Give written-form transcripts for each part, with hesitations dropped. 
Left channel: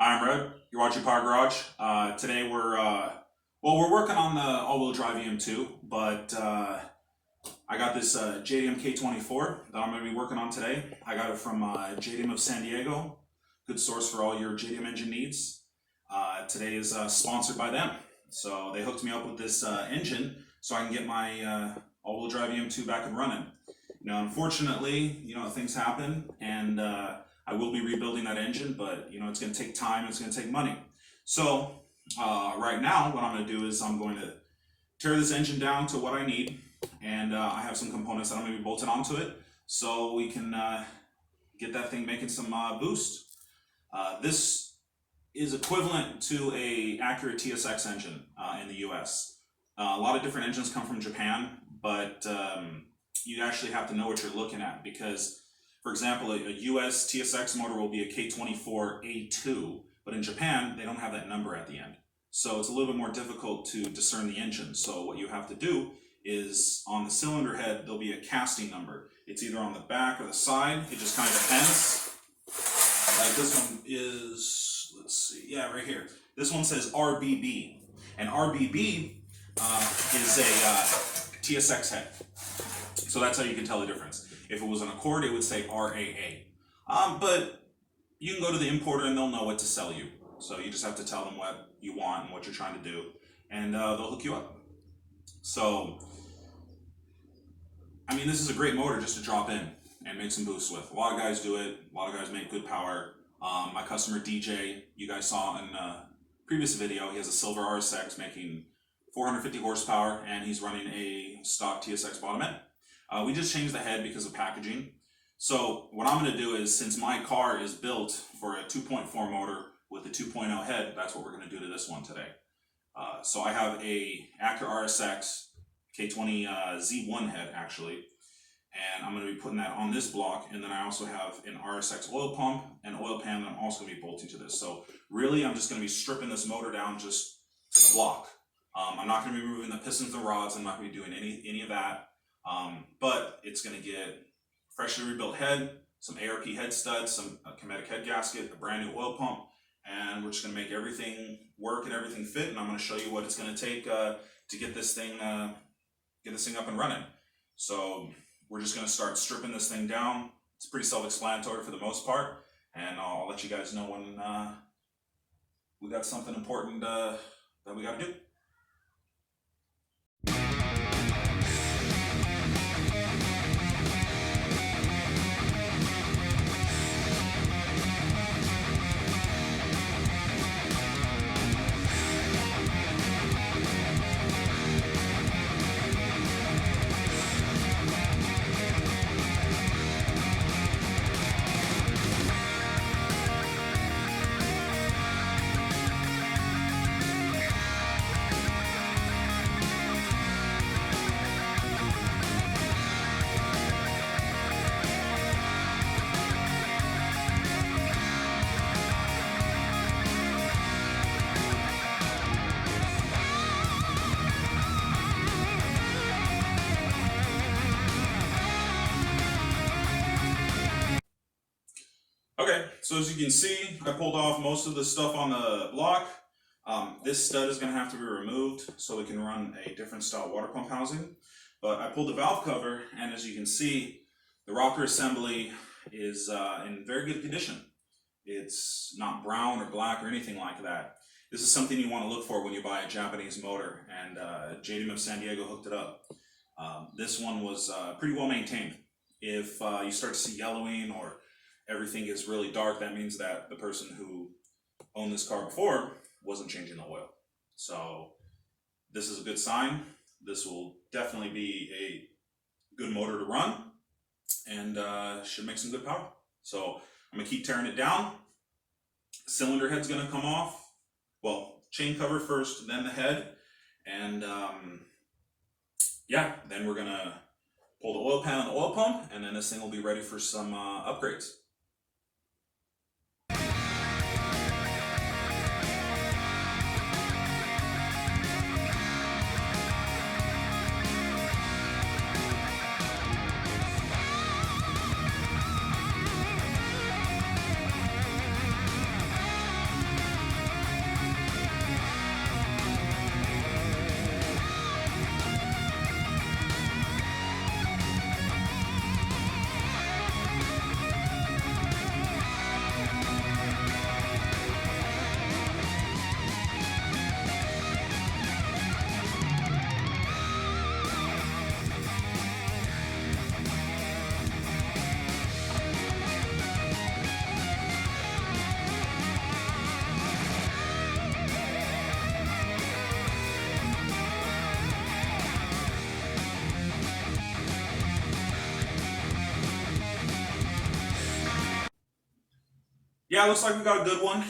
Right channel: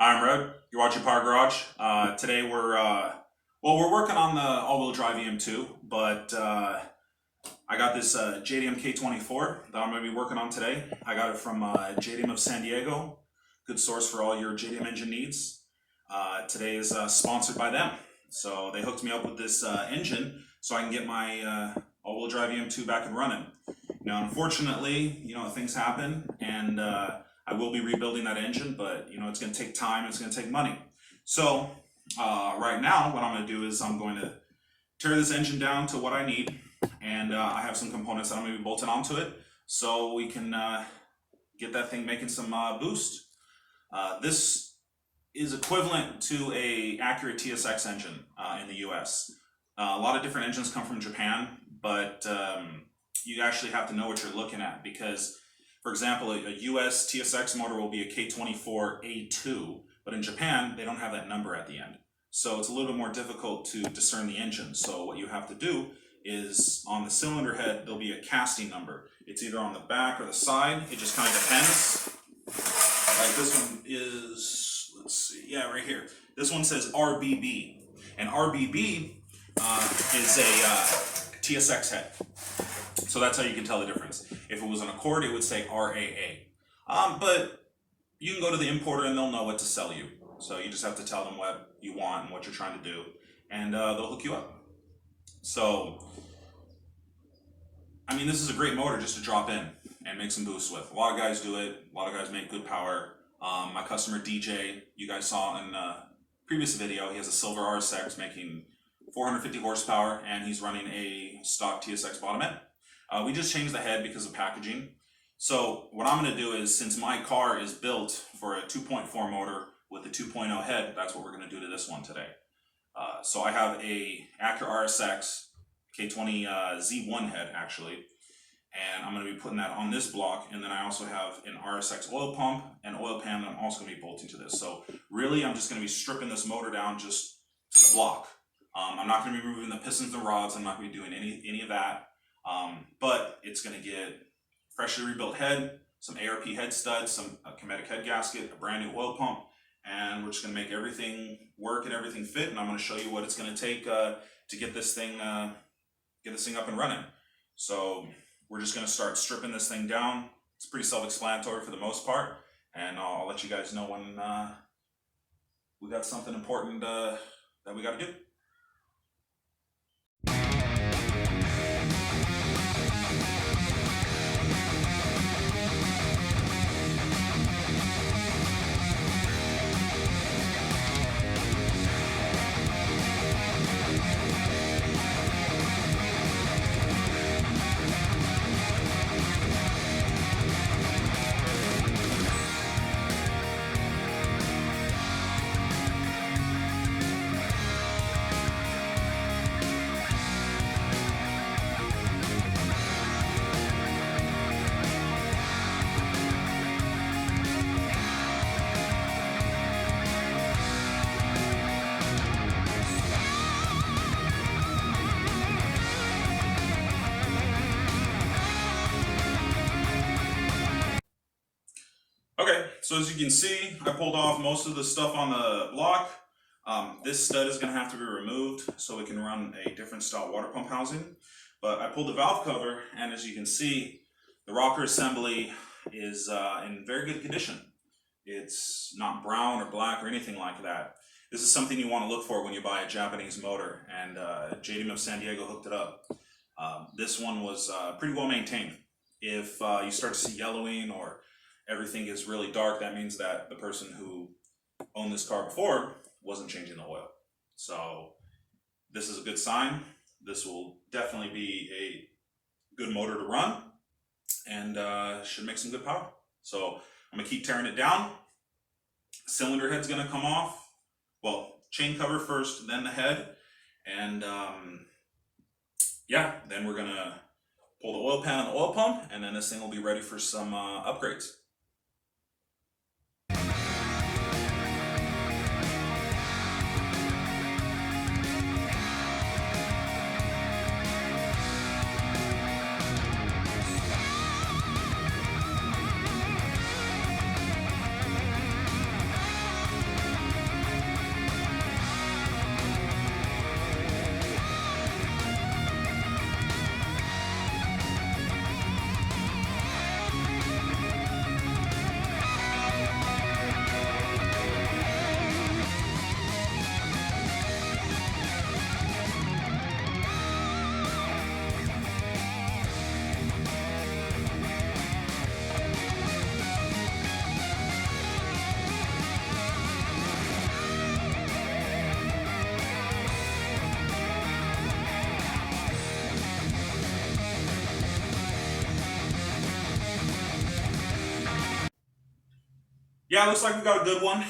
I'm Red. You're watching Power Garage. Today we're working on the all-wheel drive EM2, but I got this JDM K24 that I'm going to be working on today. I got it from JDM of San Diego. Good source for all your JDM engine needs. Today is sponsored by them, so they hooked me up with this engine so I can get my all-wheel drive EM2 back and running. Now, unfortunately, things happen, and I will be rebuilding that engine, but it's going to take time, it's going to take money. So right now what I'm going to do is I'm going to tear this engine down to what I need, and I have some components that I'm going to be bolting onto it so we can get that thing making some boost. This is equivalent to a accurate TSX engine in the US. A lot of different engines come from Japan, but you actually have to know what you're looking at, because for example, a US TSX motor will be a K24a2, but in Japan, they don't have that number at the end. So it's a little bit more difficult to discern the engine. So what you have to do is on the cylinder head, there'll be a casting number. It's either on the back or the side. It just kind of depends. Like this one is, let's see, yeah, right here. This one says RBB, and RBB is a TSX head. So that's how you can tell the difference. If it was an Accord, it would say RAA. But you can go to the importer and they'll know what to sell you. So you just have to tell them what you want and what you're trying to do, and they'll hook you up. So, I mean, this is a great motor just to drop in and make some boosts with. A lot of guys do it. A lot of guys make good power. My customer DJ, you guys saw in a previous video, he has a silver RSX making 450 horsepower, and he's running a stock TSX bottom end. We just changed the head because of packaging. So what I'm going to do is, since my car is built for a 2.4 motor with a 2.0 head, that's what we're going to do to this one today. So I have a Acura RSX K20Z1 head actually, and I'm going to be putting that on this block, and then I also have an RSX oil pump and oil pan that I'm also going to be bolting to this. So really I'm just going to be stripping this motor down just to the block. I'm not going to be removing the pistons and rods. I'm not going to be doing any of that. But it's going to get freshly rebuilt head, some ARP head studs, some Kinetic head gasket, a brand new oil pump, and we're just going to make everything work and everything fit. And I'm going to show you what it's going to take to get this thing up and running. So we're just going to start stripping this thing down. It's pretty self-explanatory for the most part, and I'll let you guys know when we got something important that we got to do. Okay, so as you can see, I pulled off most of the stuff on the block. This stud is going to have to be removed so we can run a different style water pump housing. But I pulled the valve cover, and as you can see, the rocker assembly is in very good condition. It's not brown or black or anything like that. This is something you want to look for when you buy a Japanese motor, and JDM of San Diego hooked it up. This one was pretty well maintained. If you start to see yellowing or everything is really dark, that means that the person who owned this car before wasn't changing the oil. So this is a good sign. This will definitely be a good motor to run, and should make some good power. So I'm gonna keep tearing it down. Cylinder head's gonna come off. Well, chain cover first, then the head, and yeah, then we're gonna pull the oil pan and the oil pump, and then this thing will be ready for some upgrades. yeah, looks like we got a good one.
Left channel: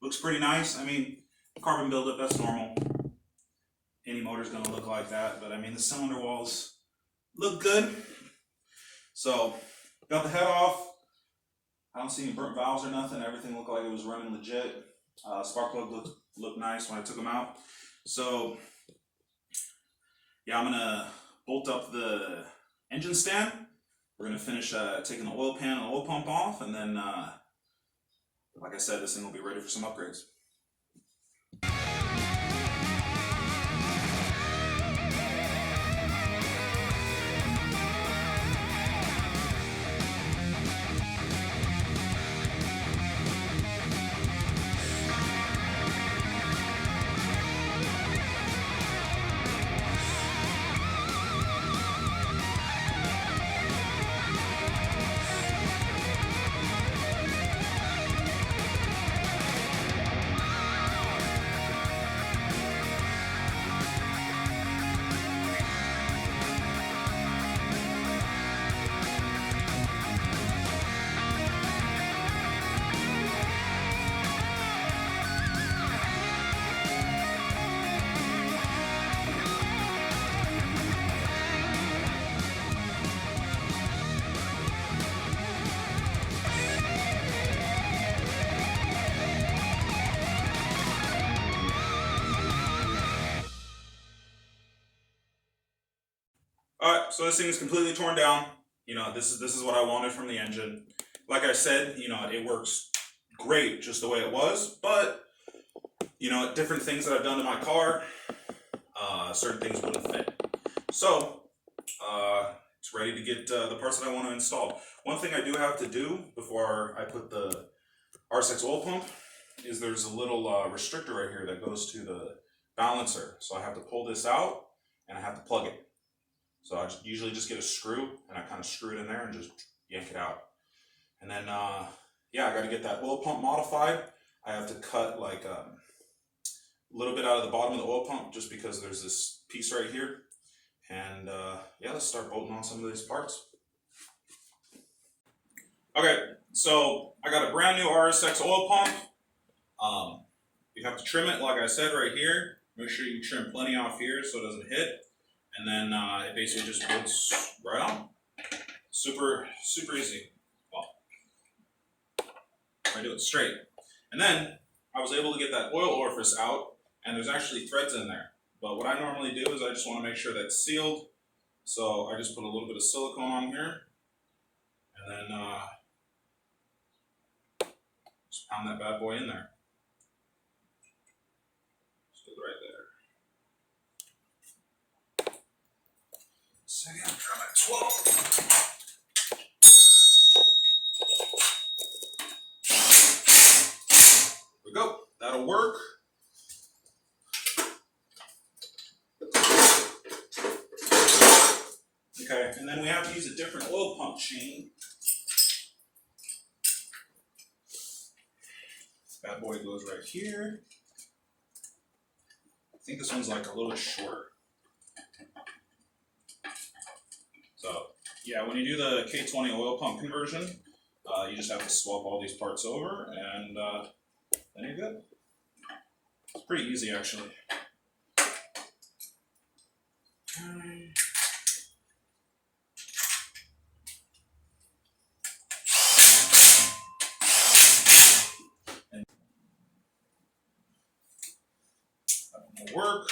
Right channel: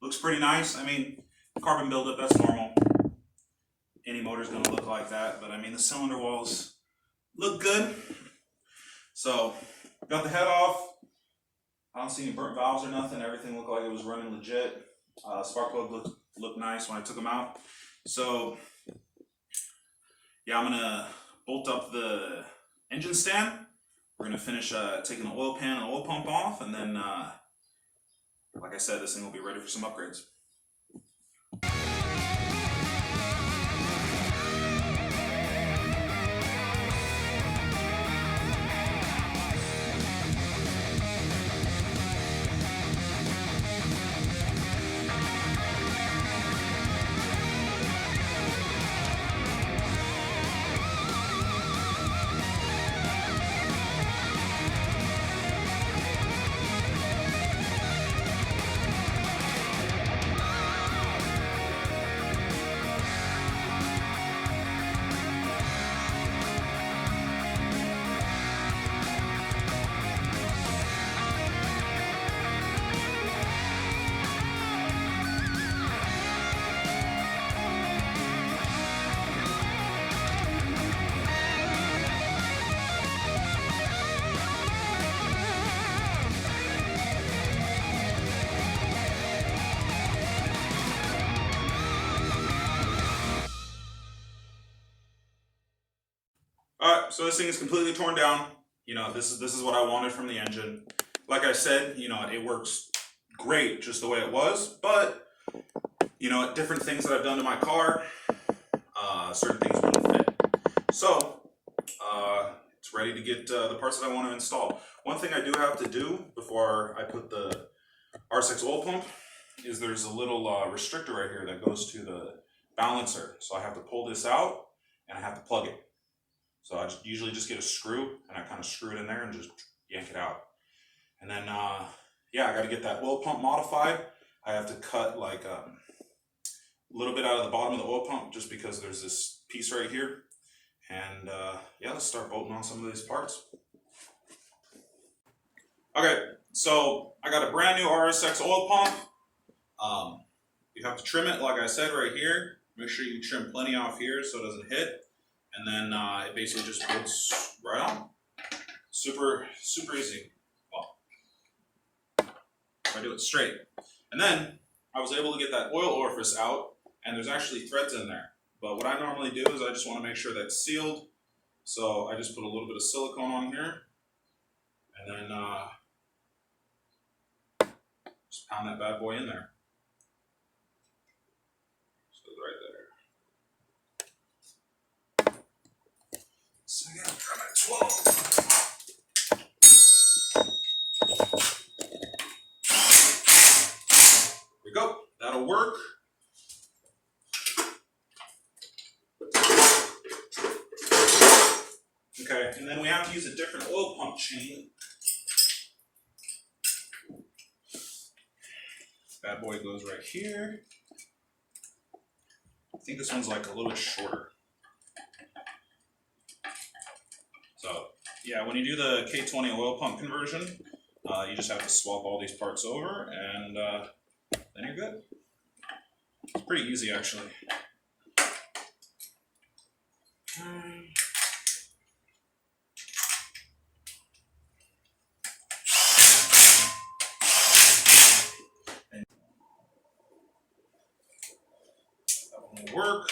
Looks pretty nice. I mean, carbon buildup, that's normal. Any motor's gonna look like that, but I mean, the cylinder walls look good. So, got the head off. I don't see any burnt valves or nothing. Everything looked like it was running legit. Spark plug looked nice when I took them out. So, yeah, I'm gonna bolt up the engine stand. We're gonna finish taking the oil pan and oil pump off, and then, like I said, this thing will be ready for some upgrades. Alright, so this thing is completely torn down. You know, this is what I wanted from the engine. Like I said, you know, it works great just the way it was, but, you know, different things that I've done to my car, certain things wouldn't fit. So, it's ready to get the parts that I want to install. One thing I do have to do before I put the R6 oil pump is there's a little restrictor right here that goes to the balancer. So I have to pull this out and I have to plug it. So I usually just get a screw and I kind of screw it in there and just yank it out. And then, yeah, I got to get that oil pump modified. I have to cut like a little bit out of the bottom of the oil pump just because there's this piece right here. And yeah, let's start bolting on some of these parts. Okay, so I got a brand new RSX oil pump. You have to trim it, like I said, right here. Make sure you trim plenty off here so it doesn't hit. And then it basically just bolts right on. Super easy. Well, if I do it straight. And then I was able to get that oil orifice out, and there's actually threads in there. But what I normally do is I just want to make sure that's sealed. So I just put a little bit of silicone on here, and then just pound that bad boy in there. Just goes right there. Second, try my 12. There we go. That'll work. Okay, and then we have to use a different oil pump chain. Bad boy goes right here. I think this one's like a little bit shorter. So, yeah, when you do the K20 oil pump conversion, you just have to swap all these parts over, and then you're good. It's pretty easy, actually. Work.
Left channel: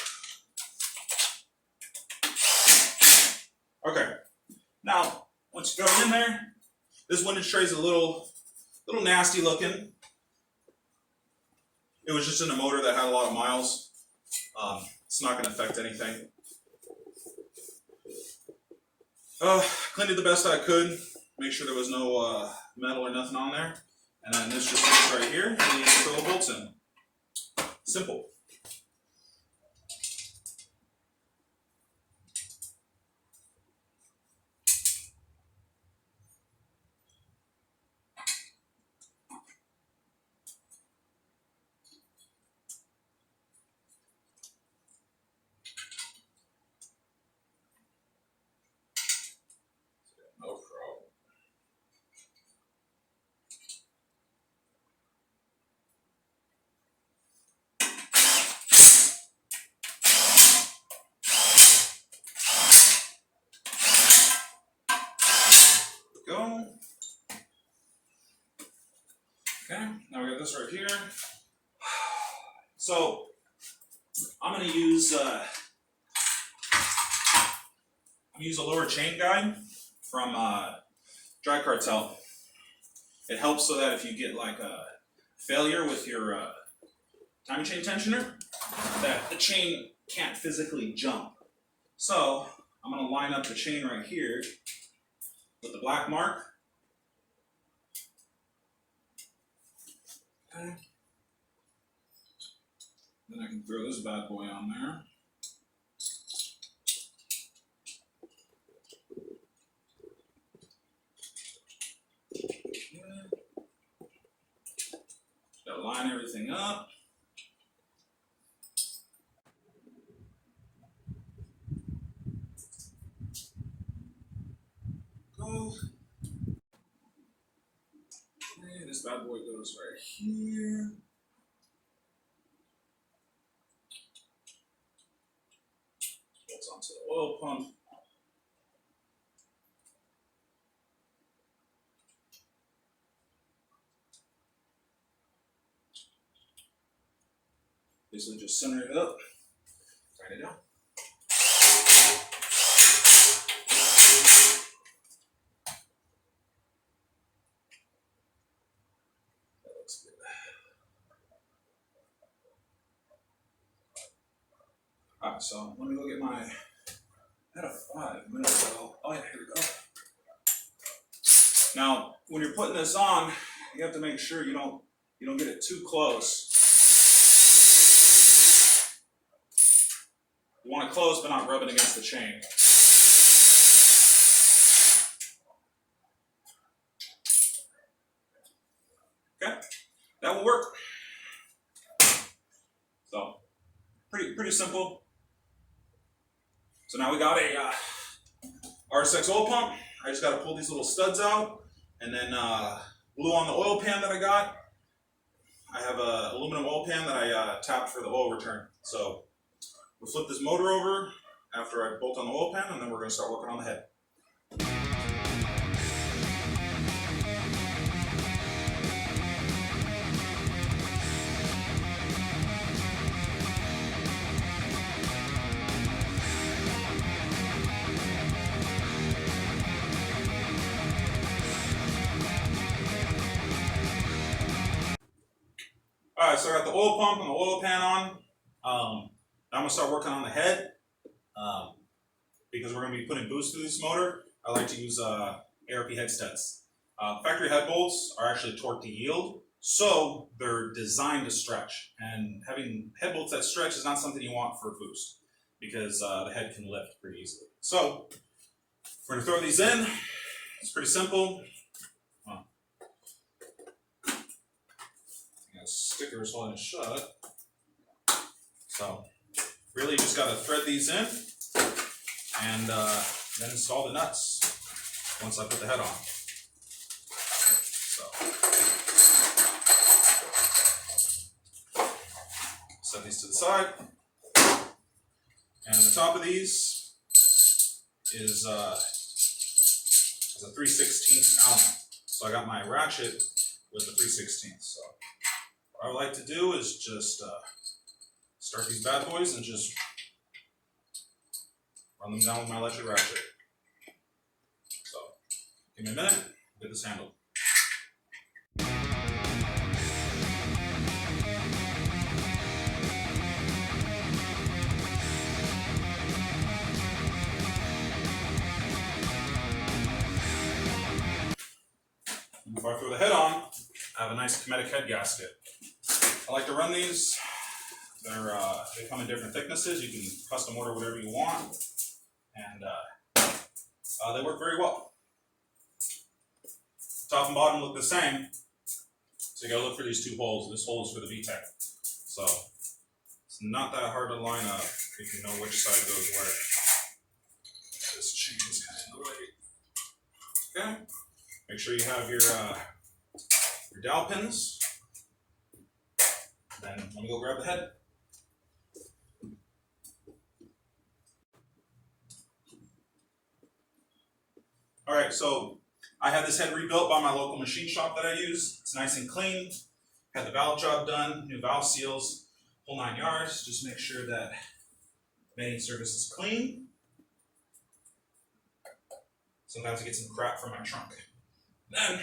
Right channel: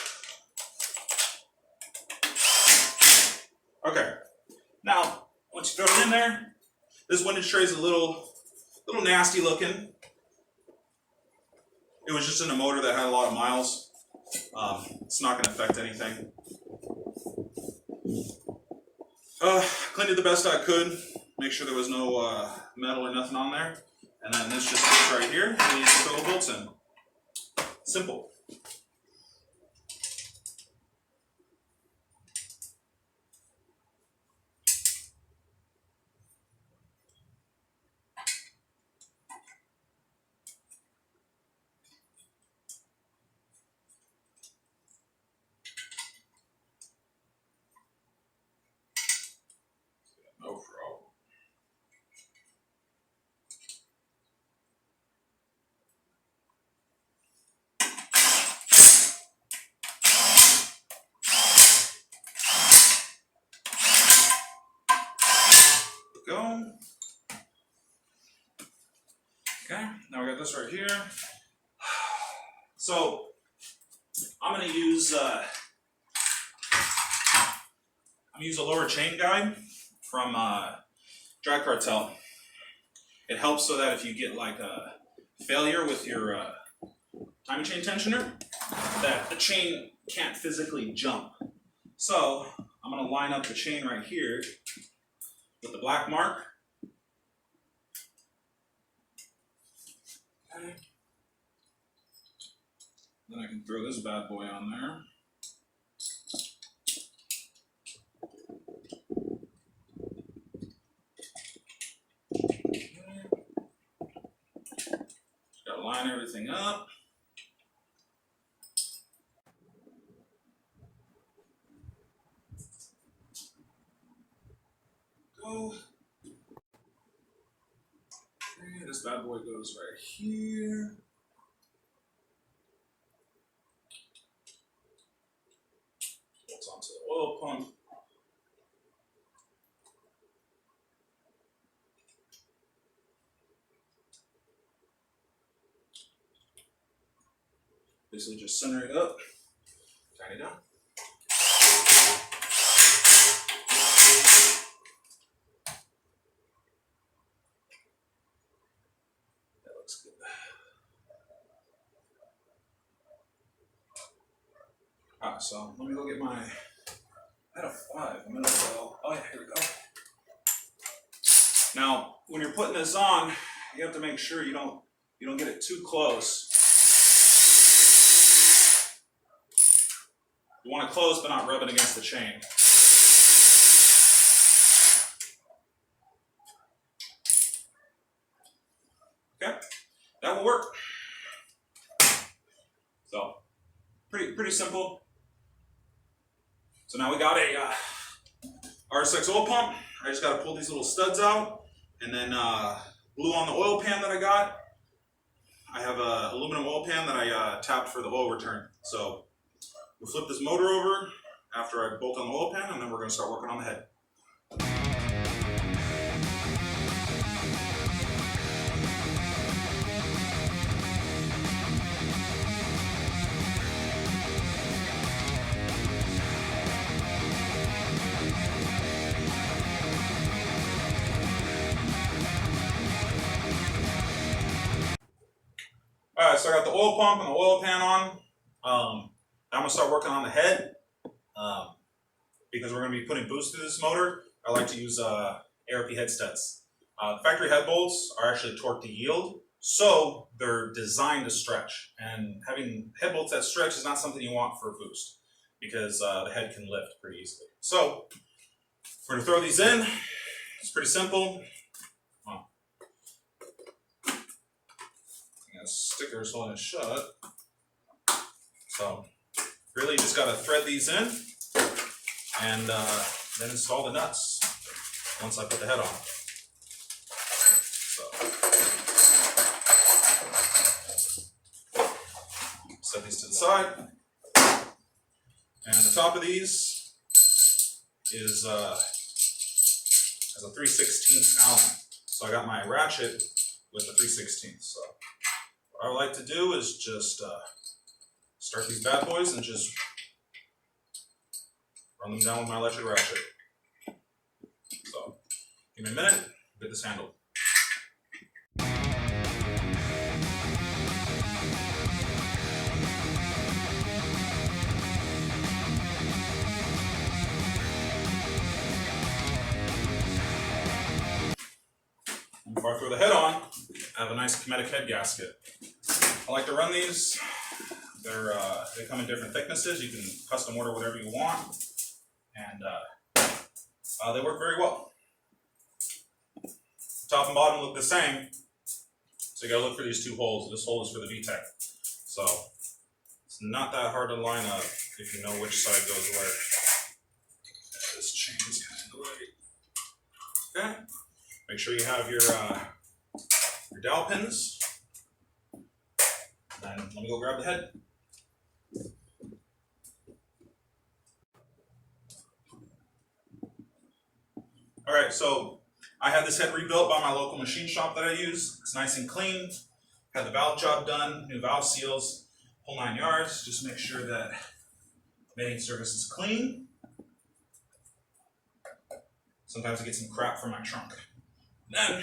Okay. Now, once you throw it in there, this windage tray is a little nasty looking. It was just in a motor that had a lot of miles. It's not going to affect anything. Cleaned it the best I could. Make sure there was no metal or nothing on there. And then this just fits right here, and you just throw the bolts in. Simple. No problem. we go. Okay, now we got this right here. So I'm gonna use a lower chain guide from Dry Cartel. It helps so that if you get like a failure with your timing chain tensioner, that the chain can't physically jump. So I'm gonna line up the chain right here with the black mark. Okay. Then I can throw this bad boy on there. Gotta line everything up. Go. Okay, this bad boy goes right here. Bolts onto the oil pump. Basically just center it up, tighten it down. That looks good. Alright, so let me go get my, I had a 5 minutes ago. Oh yeah, here we go. Now, when you're putting this on, you have to make sure you don't get it too close. You want it close, but not rub it against the chain. Okay, that will work. So, pretty simple. So now we got a RSX oil pump. I just got to pull these little studs out, and then glue on the oil pan that I got. I have a aluminum oil pan that I tapped for the oil return. So we'll flip this motor over after I bolt on the oil pan, and then we're going to start working on the head. Alright, so I got the oil pump and the oil pan on. I'm going to start working on the head. Because we're going to be putting boost through this motor, I like to use ARP head studs. The factory head bolts are actually torqued to yield, so they're designed to stretch. And having head bolts that stretch is not something you want for a boost, because the head can lift pretty easily. So we're going to throw these in. It's pretty simple. Stickers holding it shut. So really you just got to thread these in and then install the nuts once I put the head on. So set these to the side, and the top of these is has a 3/16 Allen. So I got my ratchet with the 3/16. So what I like to do is just start these bad boys and just run them down with my electric ratchet. So give me a minute, get this handled. Before I throw the head on, I have a nice Kinetic head gasket. I like to run these. They come in different thicknesses. You can custom order whatever you want, and they work very well. Top and bottom look the same, so you gotta look for these two holes. This hole is for the VTEC, so it's not that hard to line up if you know which side goes where. This chain is kind of in the way. Okay, make sure you have your dowel pins. Then let me go grab the head. All right, so I had this head rebuilt by my local machine shop that I use. It's nice and clean. Had the valve job done, new valve seals, whole 9 yards. Just make sure that mating surface is clean. Sometimes I get some crap from my trunk. Then,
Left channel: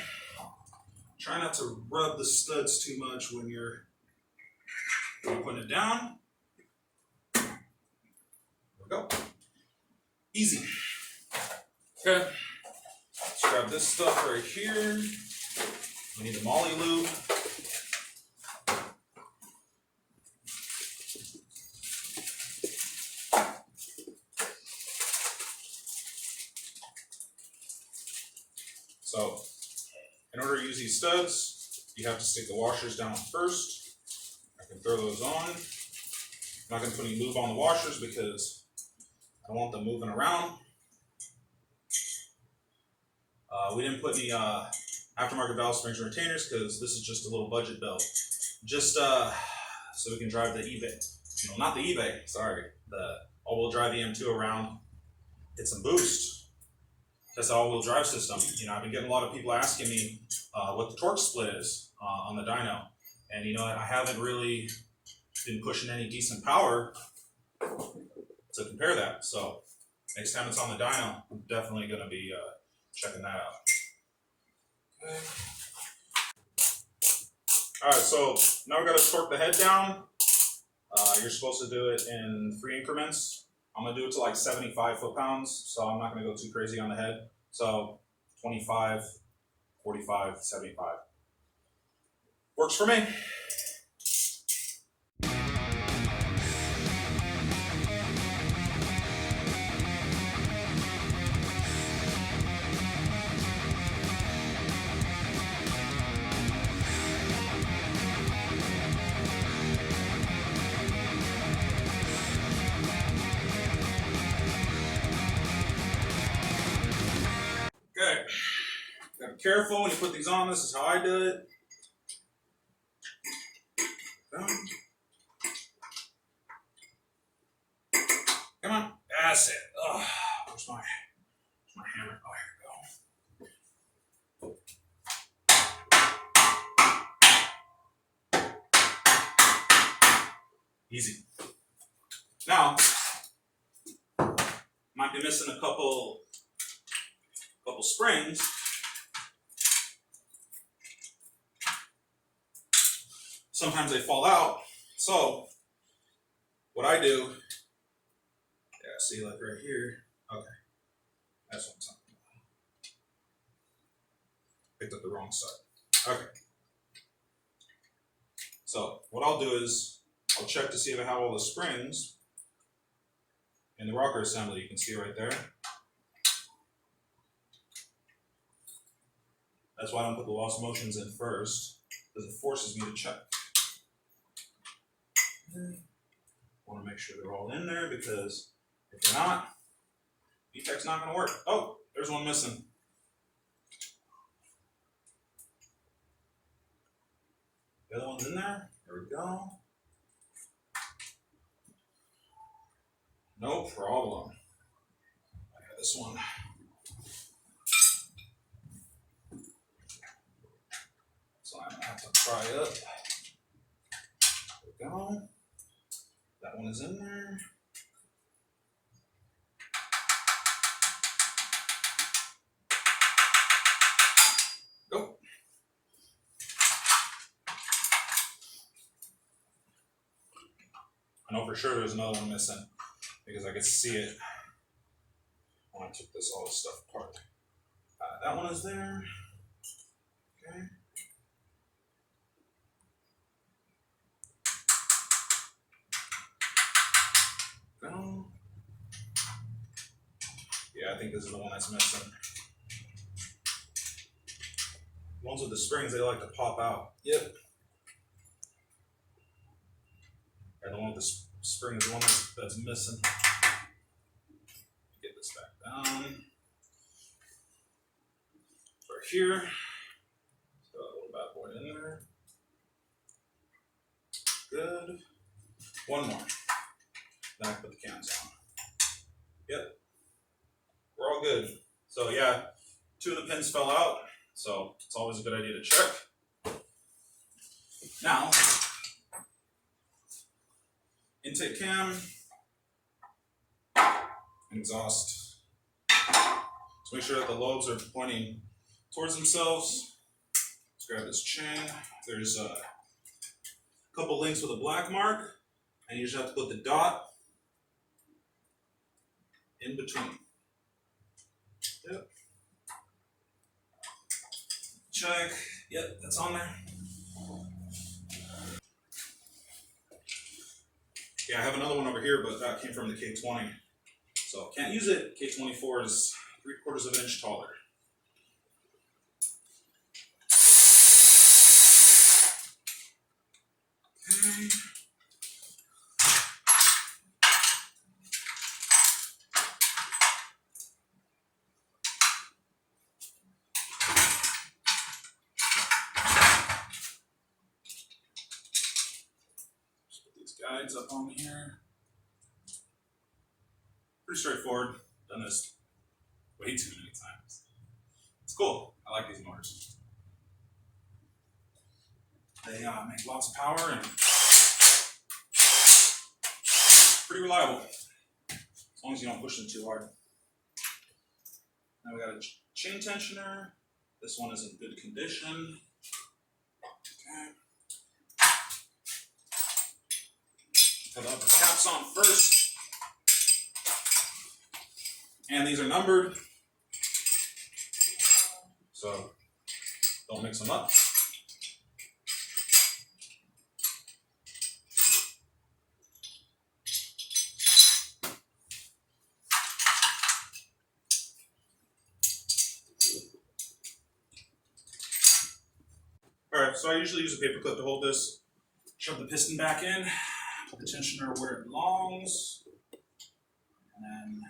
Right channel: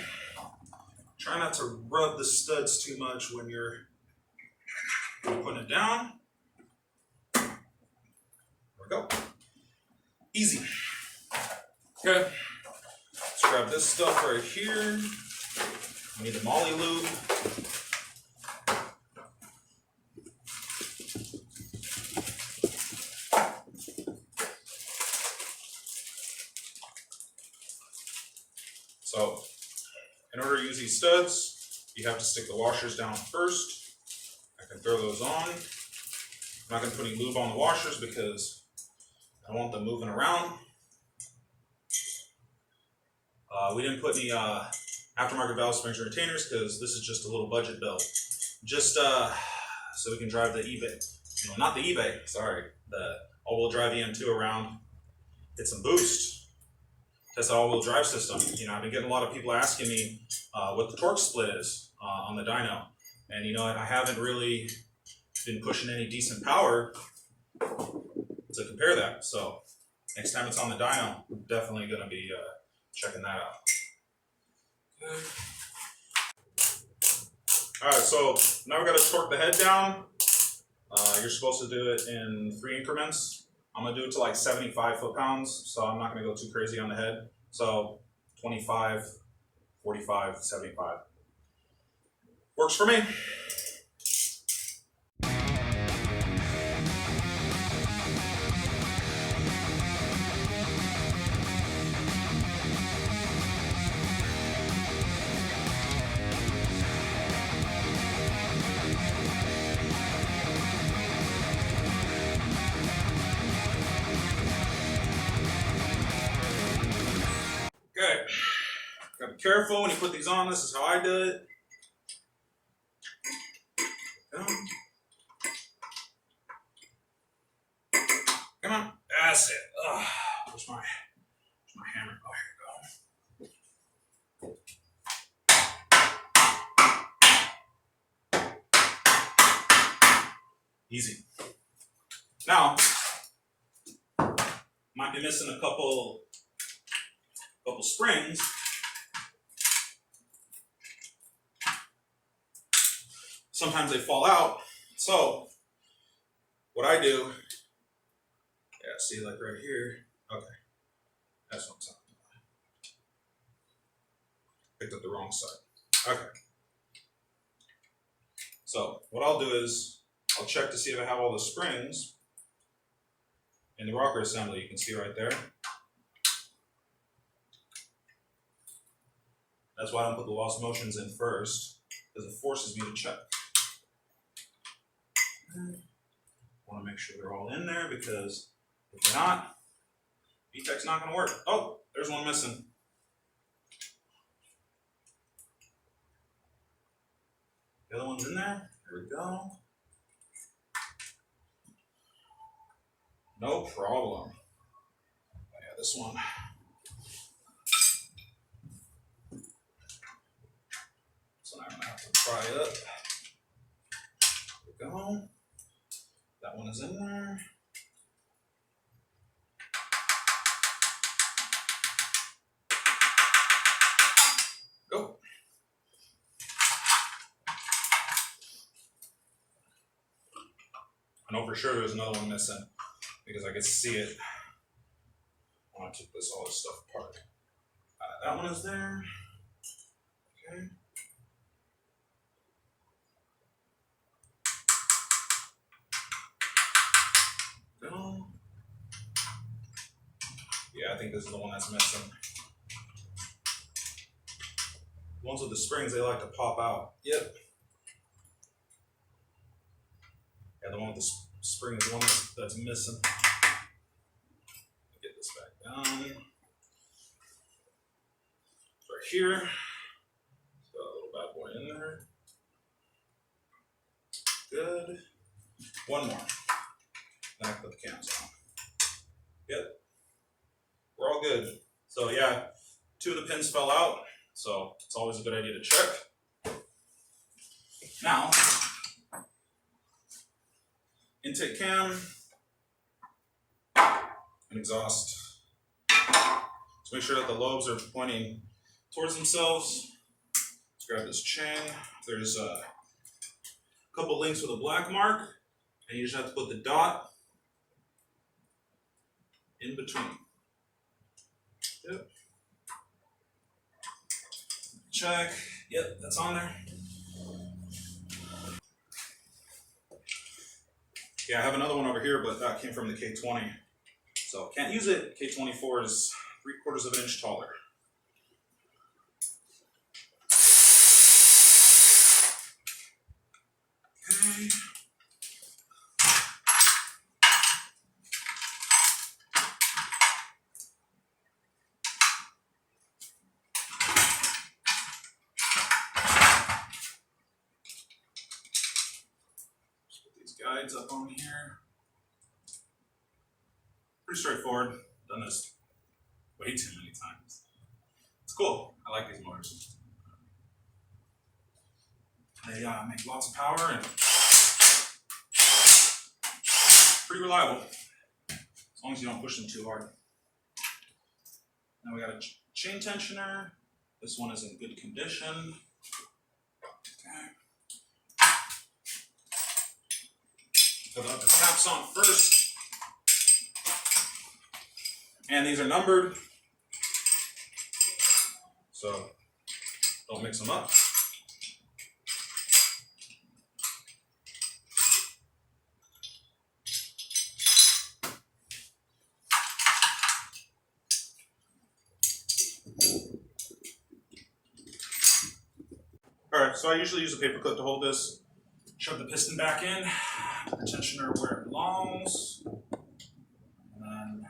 try not to rub the studs too much when you're putting it down. There we go. Easy. Okay. Let's grab this stuff right here. We need the molly lube. So, in order to use these studs, you have to stick the washers down first. I can throw those on. I'm not going to put any lube on the washers because I don't want them moving around. We didn't put any aftermarket valve springs or retainers because this is just a little budget belt. Just so we can drive the eBay. No, not the eBay, sorry. The all-wheel drive EM2 around. Get some boost. Test the all-wheel drive system. You know, I've been getting a lot of people asking me what the torque split is on the dyno. And you know what, I haven't really been pushing any decent power to compare that. So next time it's on the dyno, I'm definitely gonna be checking that out. Okay. Alright, so now we gotta torque the head down. You're supposed to do it in 3 increments. I'm gonna do it to like 75 foot-pounds, so I'm not gonna go too crazy on the head. So 25, 45, 75. Works for me. Okay. Gotta be careful when you put these on. This is how I do it. Come on. That's it. Ugh. Where's my hammer? Oh, here we go. Easy. Now, might be missing a couple springs. Sometimes they fall out. So what I do, yeah, see, like right here. Okay, that's what I'm talking about. Picked up the wrong side. Okay. So what I'll do is I'll check to see if I have all the springs in the rocker assembly. You can see right there. That's why I don't put the lost motions in first, because it forces me to check. Want to make sure they're all in there, because if they're not, VTEC's not going to work. Oh, there's one missing. The other one's in there. There we go. No problem. Oh, yeah, this one. So I'm going to have to pry up. There we go. That one is in there. Go. I know for sure there's another one missing because I could see it when I took all this stuff apart. That one is there. Okay. Go. Yeah, I think this is the one that's missing. The ones with the springs, they like to pop out. Yep. Yeah, the one with the spring is the one that's missing. Get this back down. It's right here. Got a little bad boy in there. Good. One more. Then I put the cams on. Yep. We're all good. So yeah, 2 of the pins fell out, so it's always a good idea to check. Now, intake cam and exhaust. So make sure that the lobes are pointing towards themselves. Let's grab this chain. There's a couple links with a black mark, and you just have to put the dot in between. Yep. Check. Yep, that's on there. Yeah, I have another one over here, but that came from the K20. So can't use it. K24 is 3/4 of an inch taller. Okay. Guides up on here. Pretty straightforward. Done this way too many times. It's cool. I like these motors. They make lots of power and pretty reliable. As long as you don't push them too hard. Now we got a chain tensioner. This one is in good condition. Okay. Put the caps on first. And these are numbered, so don't mix them up. Alright, so I usually use a paper clip to hold this. Shove the piston back in. The tensioner where it belongs, and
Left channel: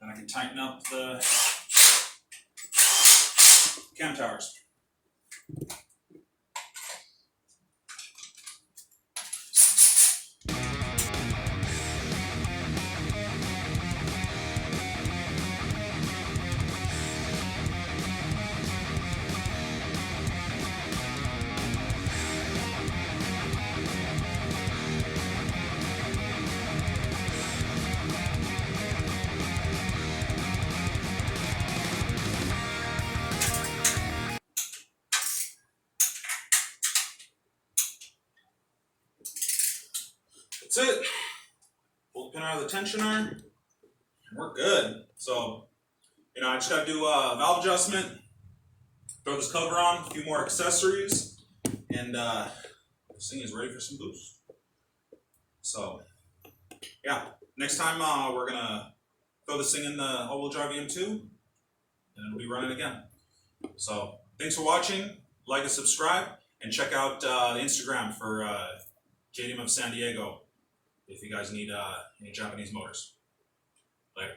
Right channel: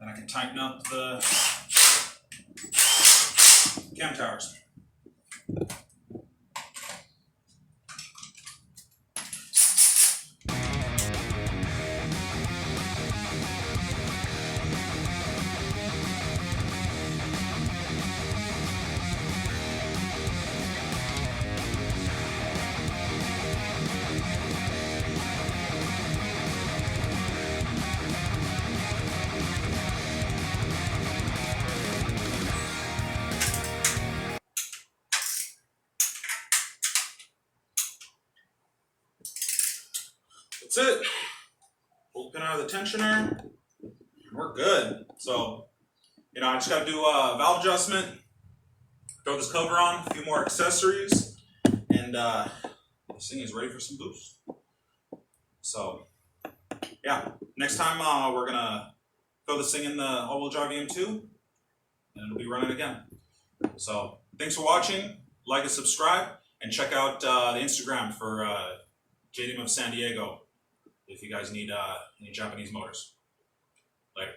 then I can tighten up the cam towers. That's it. Pull the pin out of the tensioner, and we're good. So, I just got to do a valve adjustment, throw this cover on, a few more accessories, and this thing is ready for some boost. So, yeah, next time we're going to throw this thing in the all-wheel drive EM2, and it'll be running again. So, thanks for watching. Like and subscribe, and check out the Instagram for JDM of San Diego if you guys need any Japanese motors. Later.